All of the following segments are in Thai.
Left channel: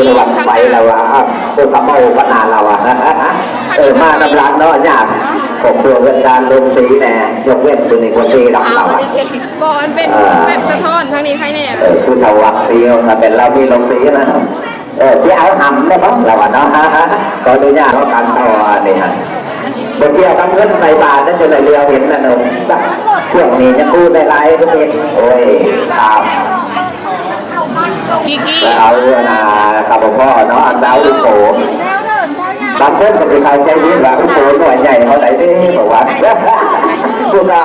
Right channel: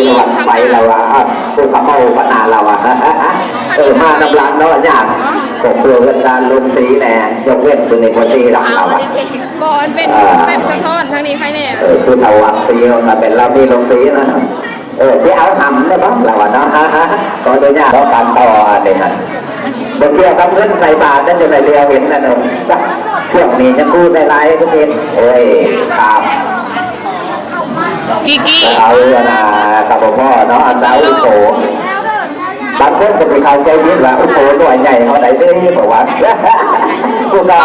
ทีละวันไปแล้วว่าอ้าวคนกับเป้าขนาเราอะเออมาน้ำร้านนาะยากผมตัวเวลาลงสีแน่ยกเว้นคือในคนที่เราเราอะบอลเป็นแบบสะท้อนทางนี้ใครเนี่ยเออคุณเอาวักเดียวนะเป็นเรามีลงสีนะเออที่เอาหำนะครับเราอะเนาะฮะฮะตอนนี้เนี่ยเราการต่อเนี่ยฮะบนเที่ยวทำเงินใส่บาทนั่นเป็นเรือเห็นนะหนุ่มเที่ยวนี้จะพูดได้ไรก็เป็นเอ้ยครับ กิกกี้เอาอะนะกับพ่อเนาะสาวลูกโขบางคนก็ไปเข้าใจผิดว่าลูกโขหน่อยใหญ่เท่าไหร่ได้บอกว่า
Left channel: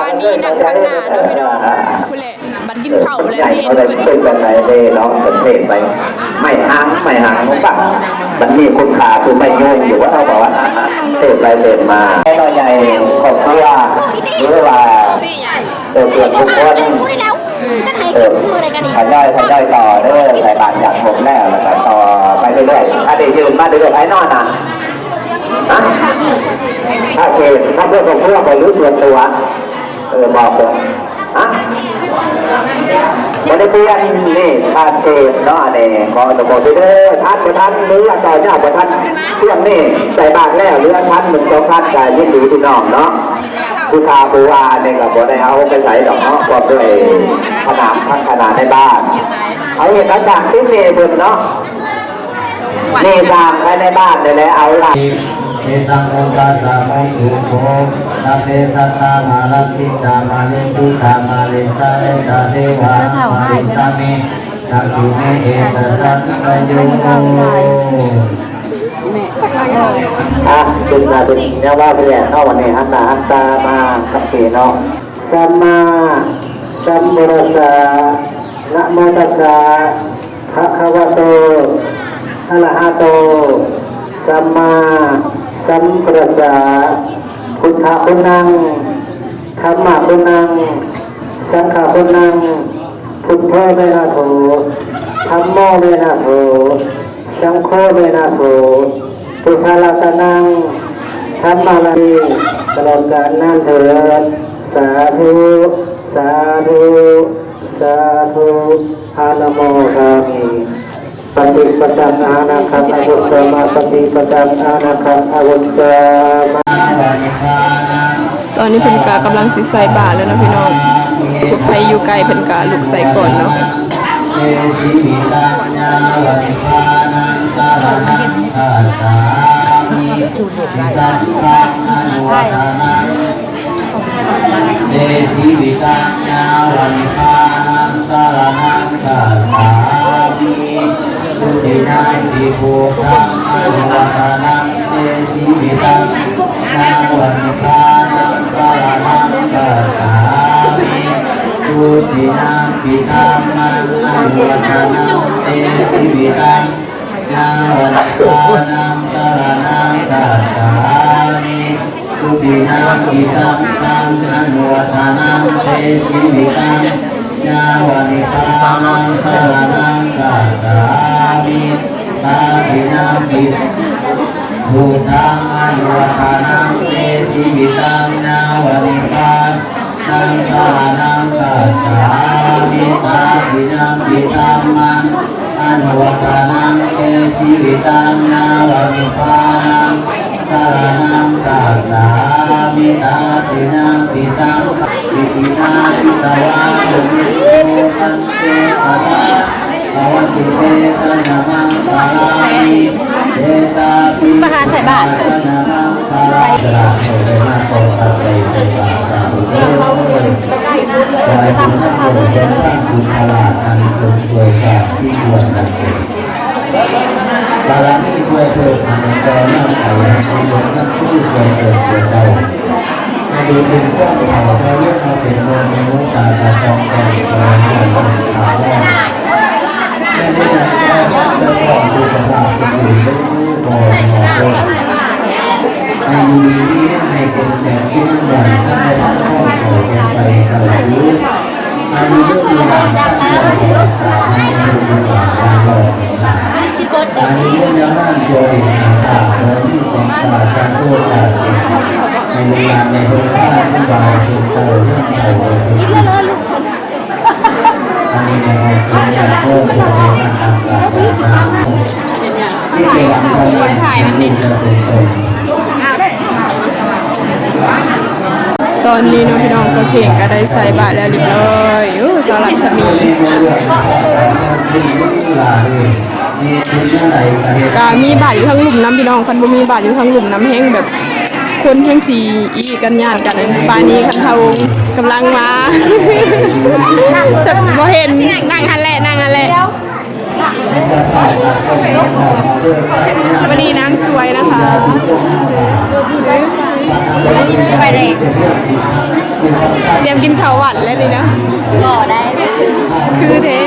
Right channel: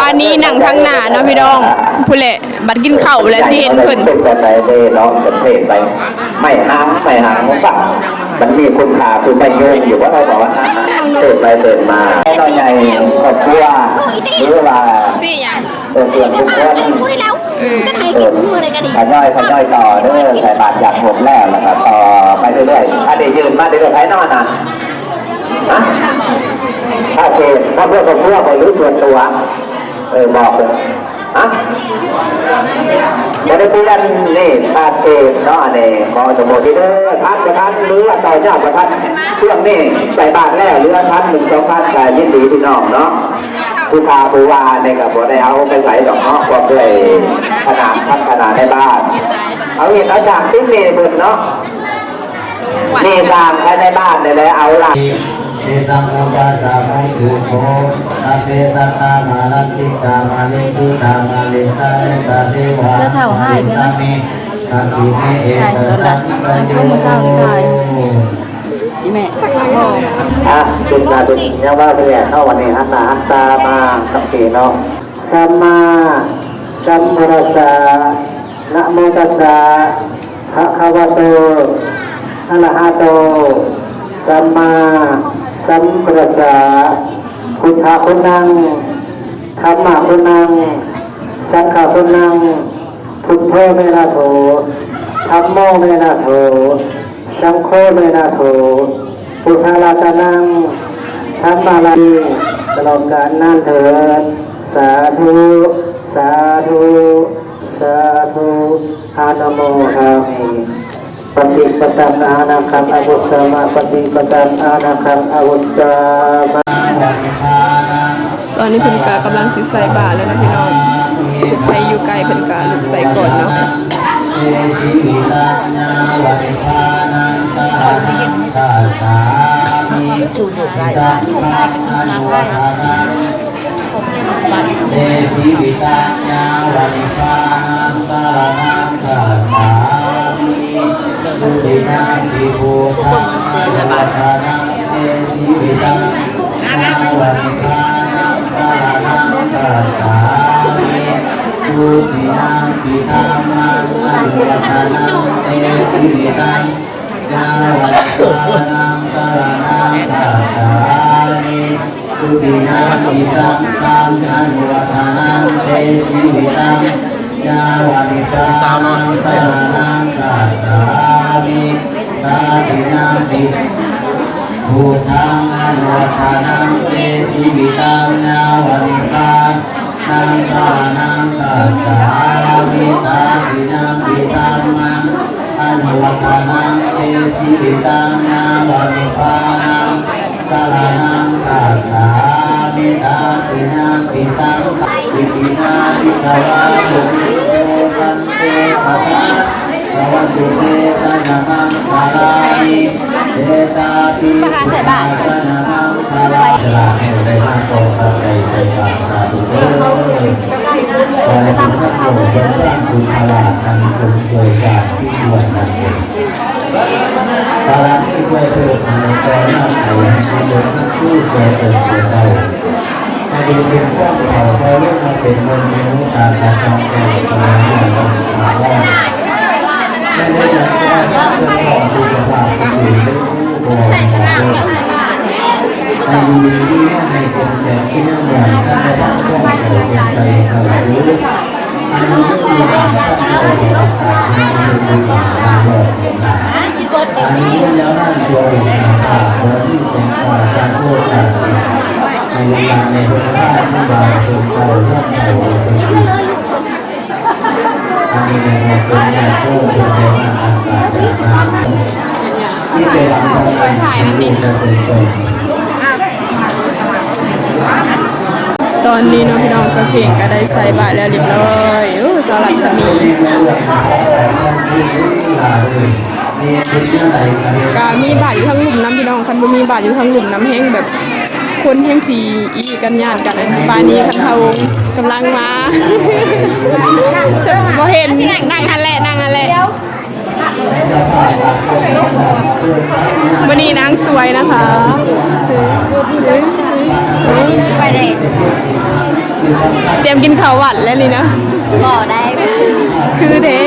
ตอนนี้หนังทั้งหน้าเนาะพี่ดองผู้เละบัดกินเข้าวแล้วสิเห็นเพิ่นเป็นกันไหนได้ร้องเป็นเพลงไปไม่ห้างไม่ห่างของฝั่งมันมีคุณค่าคือไม่โยงอยู่ว่าเราบอกว่าเติดไปเติดมาเราใหญ่ครอบครัวหรือว่าสิหยังตัวส่วนทุกคน ก็เทเอกิอนมือเลยกันดิทยอยทยอยต่อเด้อใส่บาทอย่างผมแล้วแล้วก็ต่อไปเรื่อยๆถ้าได้ยืนมาเรื่อยๆท้ายนอนนะถ้าเกณฑ์เพราะเพื่อนของเพื่อนคอยรู้ส่วนตัวเออบอกเลยฮะจะได้เพื่อนนี่ตาเกณฑ์เนาะนี่บอกจะบอกไปเด้อพัดกระทันหรืออาจารย์เจ้ากระทันเที่ยงนี่ใส่บาทแล้วหรืออาทันหนึ่งสองพันกายยินดีที่น้องเนาะ ผู้ทาผู้ว่าเนี่ยก็บ่ได้เอาไปใส่ดอกเนาะก็ด้วยขนาดทั้งขนาดในบ้าน เอาเห็นแล้วจากที่เมย์เบิดเนาะนี่สร้างไว้ในบ้านเนี่ยแหละเอาละเอสังโฆปัสสะโมตุโภสัพเพสัตตามาลัตติกามาเลตุตามาเลตาเลตาเทวาเสื้อเท่าให้ใช่ไหมสัพพิเนเอตสัตตะโย ม่อะจุดนาจุดเนี่ยว่าเนี่ยเข้าวันนี้อันนาอันตามากับสีเนาะสัมมาสัมพุทธัสสะนะโมตัสสะภะคะวะโตอะระหะโตสัมมาสัมพุทธัสสะพุทธะคุณนังธรรมะคุณนังสังฆะคุณนังพุทโธเมนะโถธรรมโมเมนะโถสังโฆเมนะโถ พุทธาลาตนังธรรมาลัยตลอดกาลนานเถิดสาธุ สาธุ สาธุอานะโมทามิปฏิปตังอานาคังอวุสมาปฏิปตังอานาคังอวุสมาตอนนี้เพิ่นกากำลังสิใส่บาทแล้วนะพี่น้องผู้ใครอยู่ไกลเพิ่นกาลูกใส่ก่อนเนาะ มิสัพพะอนุวัฒนังเอติวิตัญญาวัฏานังสารนังคาสามิสุตินังติโภคังอนุวัฒนังเอติวิตัญญาวัฏานังสารนังสามิทุตินาปิธรรมังอนุวัฒนังเตติวิรังยาวัฏฐานังสรณังคัจฉามิทุติ นาปิสังฆังอนุวัฒนังเตติวิรังยาวัฏฐานังสรณังคัจฉามิตาตินาปิพุทธังอนุวัฒนังเตติวิรังยาวัฏฐานังสรณังคัจฉามิตาตินาปิตัมมังอนุวัฒนังเตติวิตังยาวัฏฐานังสรณังคัจฉามิตาติ นาปิตังปิตินาปิตาวะสุมิโตกันเตภะภะภวตุเตสะยะมังคารามิเดตาปิมหาเสบาสะยะมังคาราจะลาโสเดนะโตตะไคไสบาสาธุเตกาคุณทัพโยเป็นร่างคุณพลาอันสมเวยจากที่ควรกันเถิดบารมีเพื่อเถิดในกอน้ำเขาในยกนักผู้เกิดเกิดเกิดเก่าให้ ดูเป็นเจ้าเขาเพราะเรื่องมาเป็นเมืองในรูปการตองแก่กลางเมืองขาแรกแม่ได้จากว่าเป็นของดูกระดาษเป็นอยู่เป็นผู้กงของโลกให้มีนี้ให้เป็นแบบที่อย่างได้ข้อเขาเป็นใจเขารู้อายุไม่มีหลังตั้งใจเป็นสาให้ดูดีกว่าในโลกอันนี้แล้วนั่นโยมป่าโมที่เป็นป่าการโคต ในเวลาในเวลาที่บางสุดใจเรื่องใจเลยอันนี้ในเป็นการโคตรเป็นการอัศจรรย์ที่เป็นหลังกาถ่ายมันดิตอนนี้เนาะพี่น้องสะเพียงก็ได้ใส่บาตรแล้วเรียบร้อยอู้สลัดสมีกามีบาตรอยู่ทั้งหลุมน้ำพี่น้องคันบ่มีบาตรอยู่ทั้งหลุมน้ำแห้งแบบ คนแห้งสีอีกันญาติกันอันปานนี้คันเขากำลังมาบ่เห็นนั่งหันแหละนั่งหันแหละวันนี้นางสวยนะคะไปเลยเตรียมกินข้าวหวานแล้วนี่นะบ่ได้คือเด้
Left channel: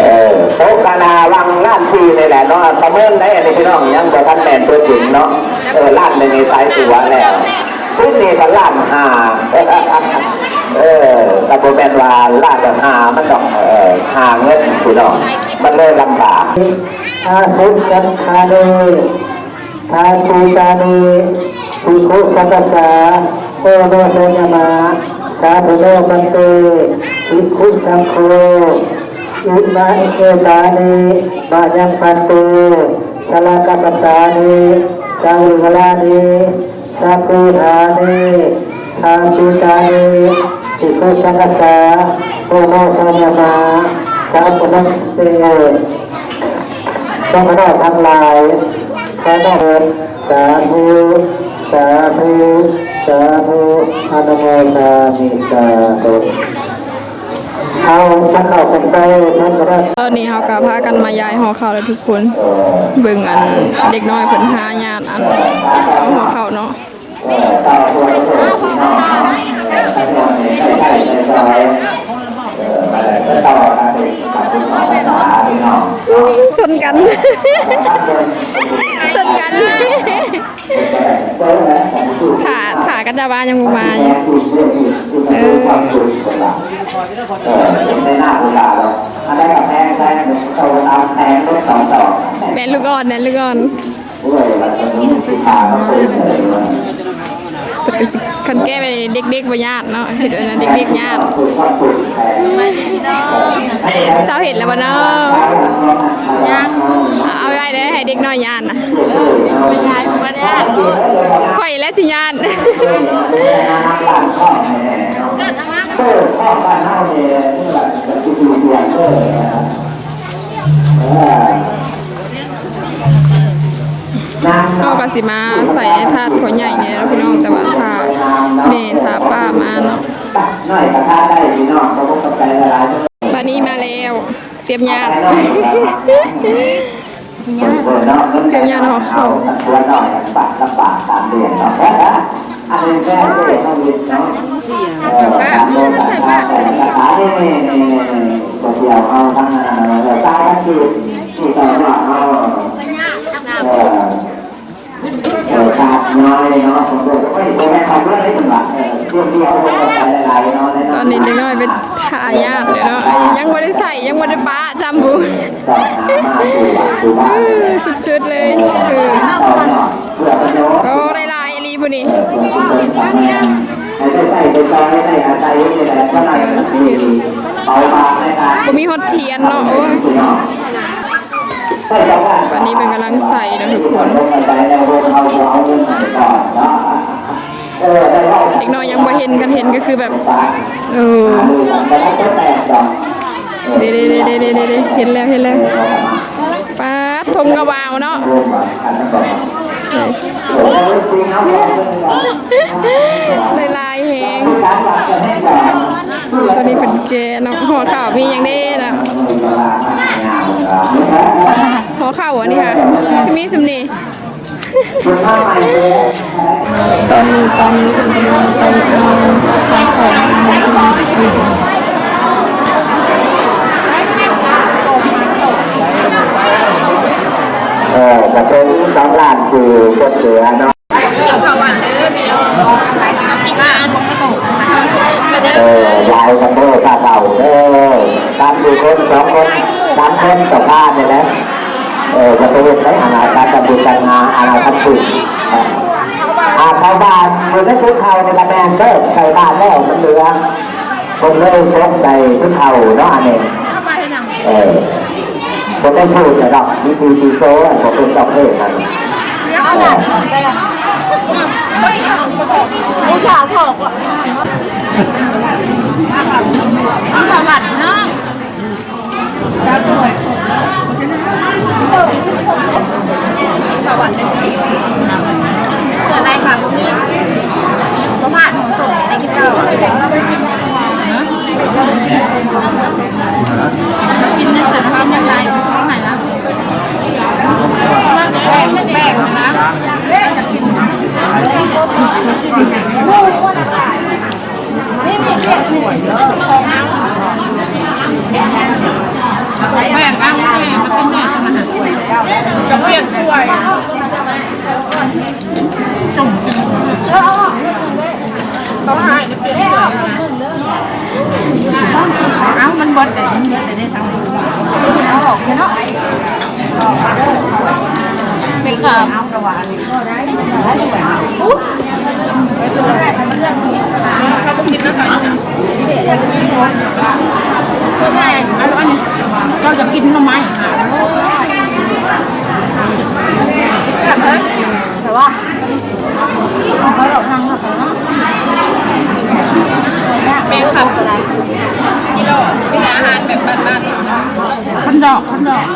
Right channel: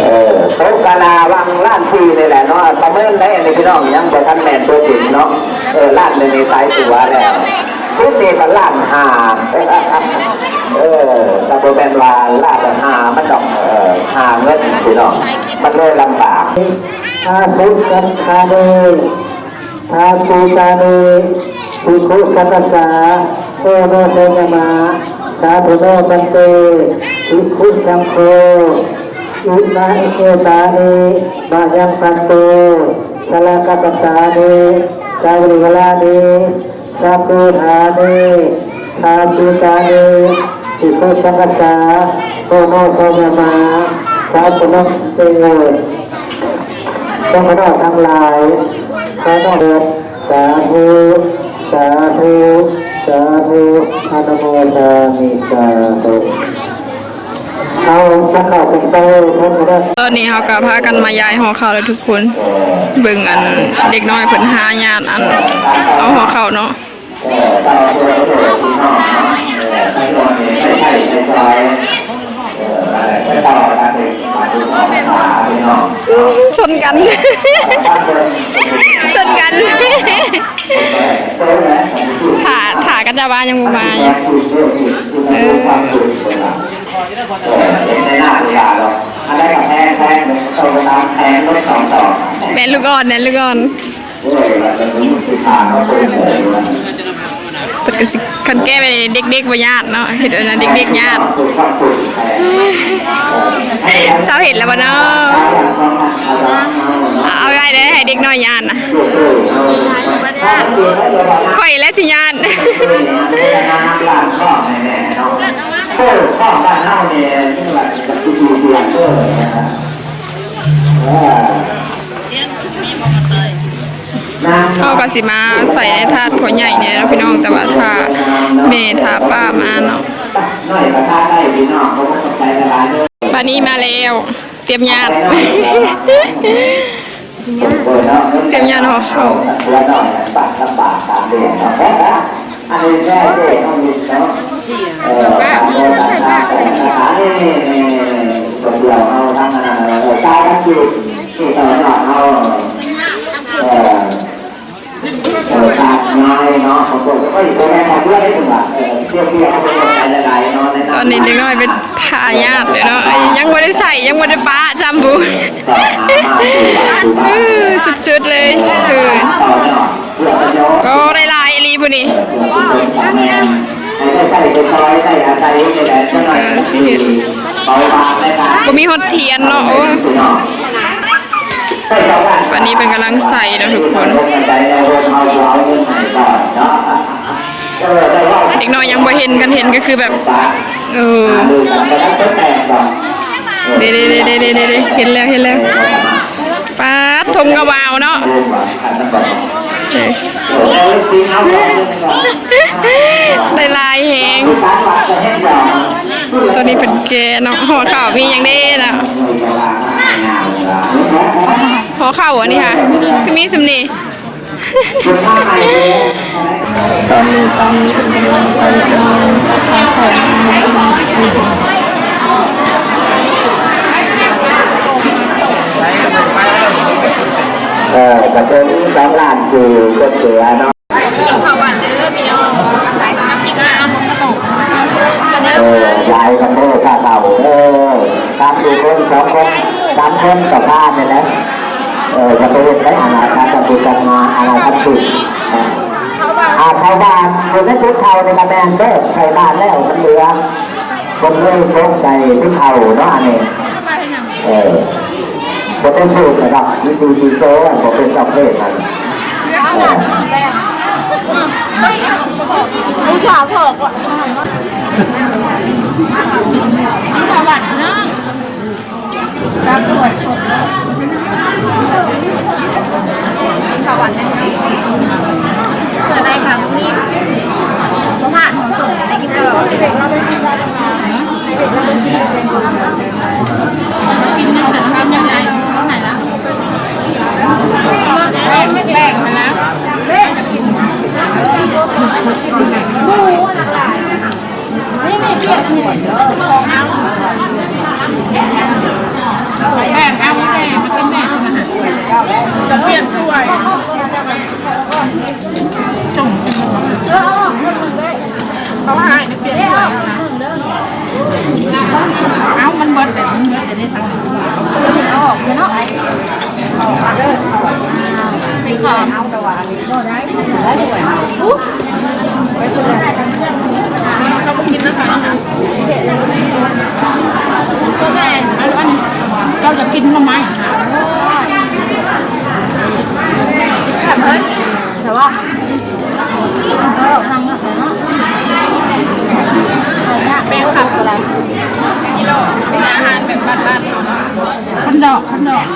เออโต๊ะกานาวังล้านซีนี่แหละ เนาะประเมินได้อันนี้พี่น้องยังบ่ทันแมนตัวจริงเนาะเออลานหนึ่งในสายตัวแล้วขึ้นนี่กันลานห้าเออต่บ่แมนว่าลานห้ามันต้องเออหาเงินพี่น้องมันเลยลำบากอาสุสันคาเนอาปูตาเนภูคุสัตสาโอโนเซยมาสาธุโนปันเตภิกขุสังโฆ อุนาเอตานิบายังปันโตสลากปัตตานิสังริวลานิสักกุธานิทาจุตานิสิสุสังกัสสาโอโมโสมมาสาธุนัสเตโยต้องขอทั้งหลายขอต้องเกิดสาธุสาธุสาธุอนุโมทามิสาธุ เอาสักเข้ากันไปท่านก็ได้ตอนนี้เขาก็พากันมาย้ายหอข้าวแล้วทุกคน เบิ่งอันเด็กน้อยเพิ่นหาญาติอัน เอาหอข้าวเนาะชนกันชนกันถ่าถ่ากันจะบ้านยังบ่มาอยู่ เออไม่น่าดูดาหรอกอันนั้นกับแพงแพงโตตามแพงรถสองต่อแม่ลูกอ่อนแม่ลูกอ่อนเว้ยเราจะมีสิทาเขาคุยเลยปิดกันสิคันแก้ไปเด็กๆบ่ญาติเนาะเฮ็ดอันนั้นเด็กๆญาติคุยชอบคุยใครเช้าเห็นแล้วบ่เนาะเอาไว้ได้ให้เด็กน้อยญาตินะข่อยและสิญา เออนะครับเขาก็สิมาใส่ในถาดขอใหญ่เนี่ยเนาะพี่น้องแต่ว่าถ้าแม่ถ้าป้ามาเนาะหน่อยกระทาได้พี่น้องเขาก็สนใจละลายด้วยป้านี้มาแล้ว เตรียมญาติเตรียมญาติห่อข้าวแล้วก็บาทละบาทตามเดือนเนาะอันนี้แม่เด็กต้องมีเนาะ เออการเดินทางแต่สถานนี่นี่ตัวเดียวเอาทั้งเราใช้ทั้งที่ที่ต่อหน้าเอาเออเออขาดน้อยเนาะผมบอกว่าเฮ้ยตัวแม่ทำเรื่องได้ถึงบาทเที่ยวเที่ยวเอาไปละลายเนาะตอนนี้เด็กน้อยเป็นทายาทเลยเนาะยังไม่ได้ใส่ยังไม่ได้ป้าจำบุสุดๆเลยเออก็ได้ลายอหลีผู้นี้ บ่มีฮอตเทียนเนาะโอ้ยวันนี้เป็นกำลังใส่เนาะทุกคนเด็กน้อยยังบ่เห็นกันเห็นก็คือแบบเออเด้เด้เด้เด้เด้เด้เห็นแล้วเห็นแล้วป้าทมกระวาวเนาะเอ้ยได้ลายแหงตอ นนี้เป็นแกเนาะห่อข้าวมีอย่างเด้นะห่อข้าวอันนี้ค่ะคือมีสำนีตอนนี้ตอนนี้เป็นกำลังไปเอาข้าวของมาเออแต่เป็นสองล้านคือก็เสือเนาะข้าวหวานเด้อพี่น้องใส่น้ำพริกน้ำเออ ลายกันโม่ข้าเต่าเออการดูคนสองคนสามคนต่อบ้าเนี่ยนะเออจะไปเห็นได้อาณาจับบุกันมาอาณาคันตุอาชาวบ้านคนนั้นทุกเขาในกระแมนเด้อชาวบ้านแล้วมันเหลือคนเลยพบใจทุกเขาเนาะอันนี้เออผมต้องพูดนะครับวิธีดีโซ่ผมเป็นเจ้าเพศนะเอยากบอเกิด Thank you. เราจะกินทำไมแบบเฮ้ยแต่ว่าเขาออกมาเป็นขับอะไรกิโลเป็นอาหารแบบบ้านๆเขาคันดอกคันดอก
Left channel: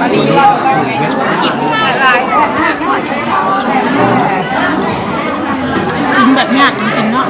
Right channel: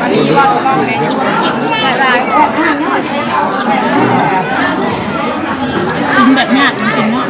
อันนี้ว่าต้องเลยกินอะไรกิน แบบเนี้ยจริงๆเนาะ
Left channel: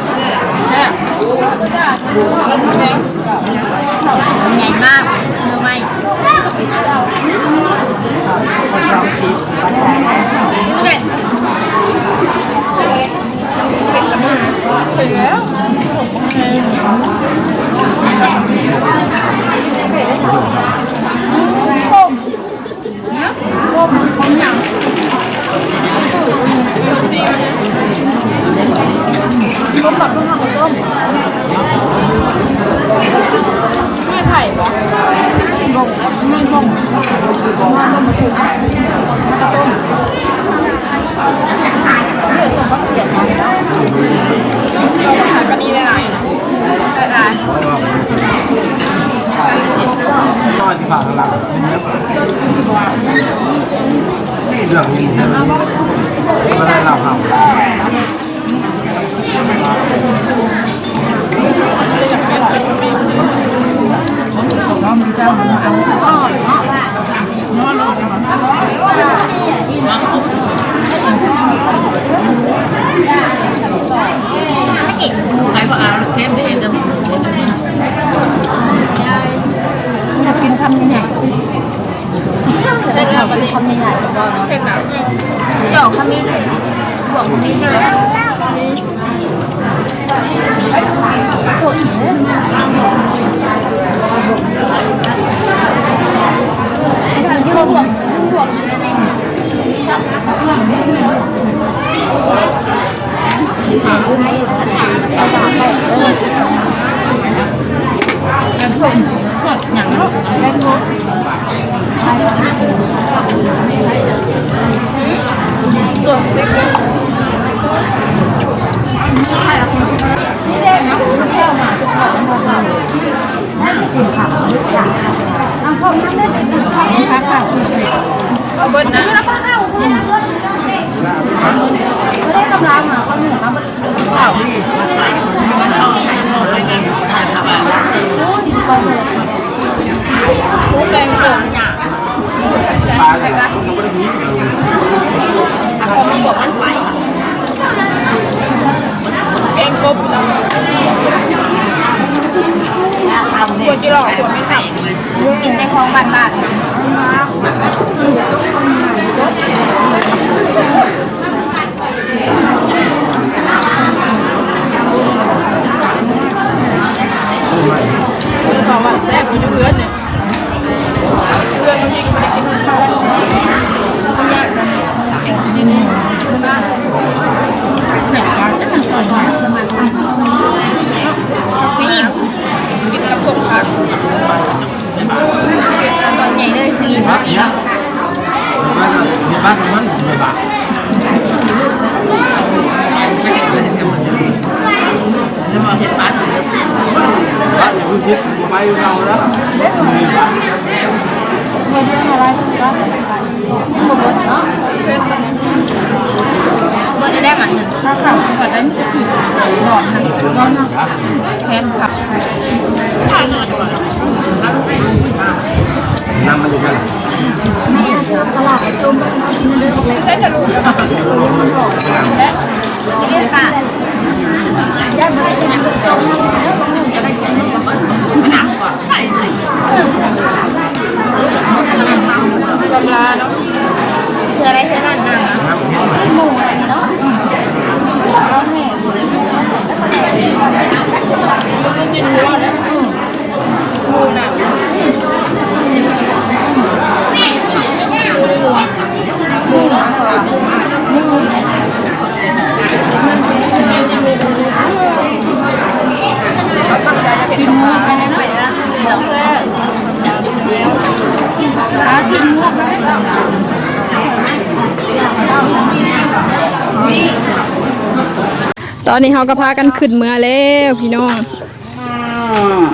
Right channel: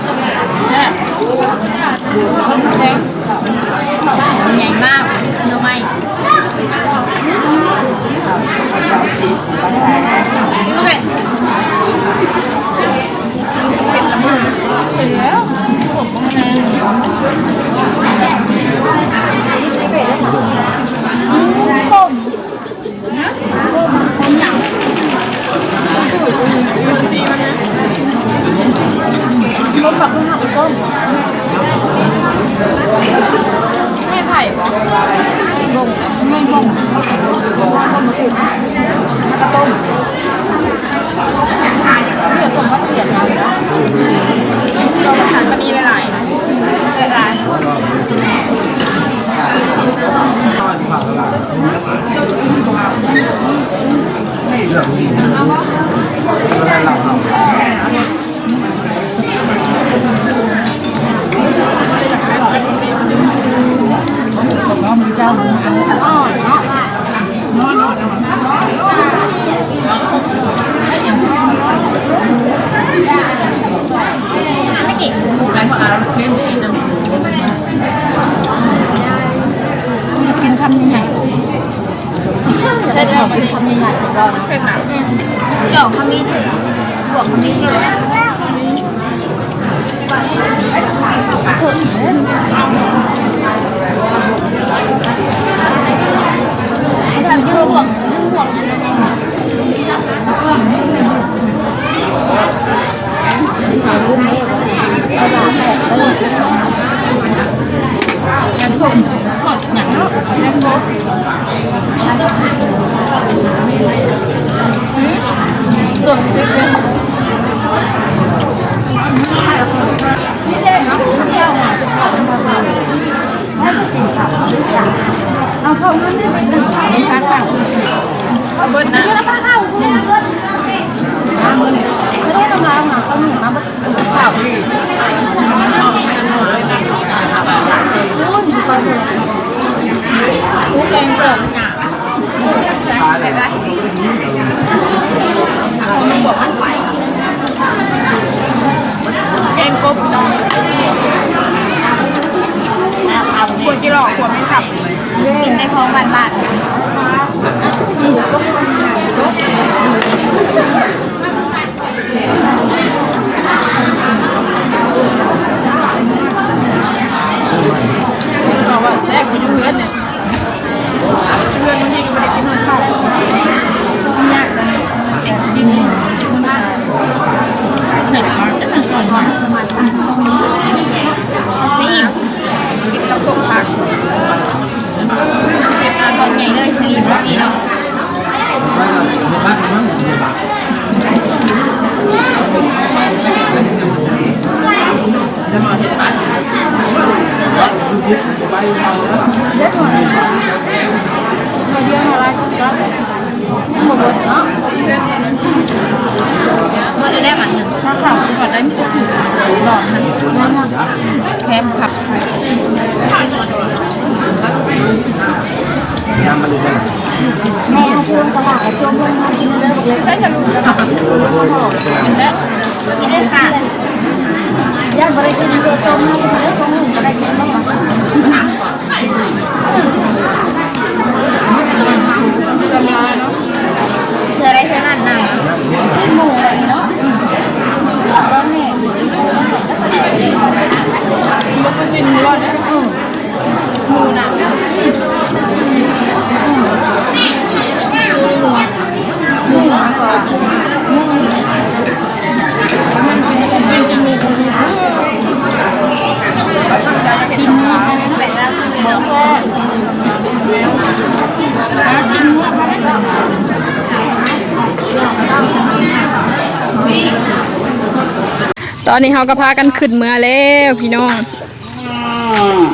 ตอนนี้เขาก็พากันขึ้นเมือแล้วพี่น้อง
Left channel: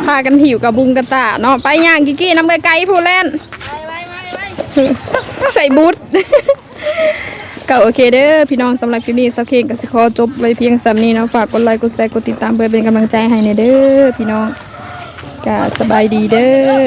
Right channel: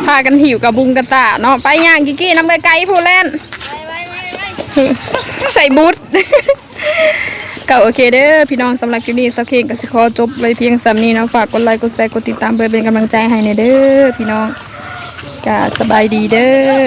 พากันหิวกับบุงกระตาเนาะไปย่างกิกกี้น้ำไกลๆผู้เล่นใส่บูทก็โอเคเด้อพี่น้องสำหรับคลิปนี้สักเคงกับสิขอจบเลยเพียงสำนี้เนาะฝากกดไลค์กดแชร์กดติดตามเพื่อเป็นกำลังใจให้ในเด้อพี่น้องก็สบายดีเด้อ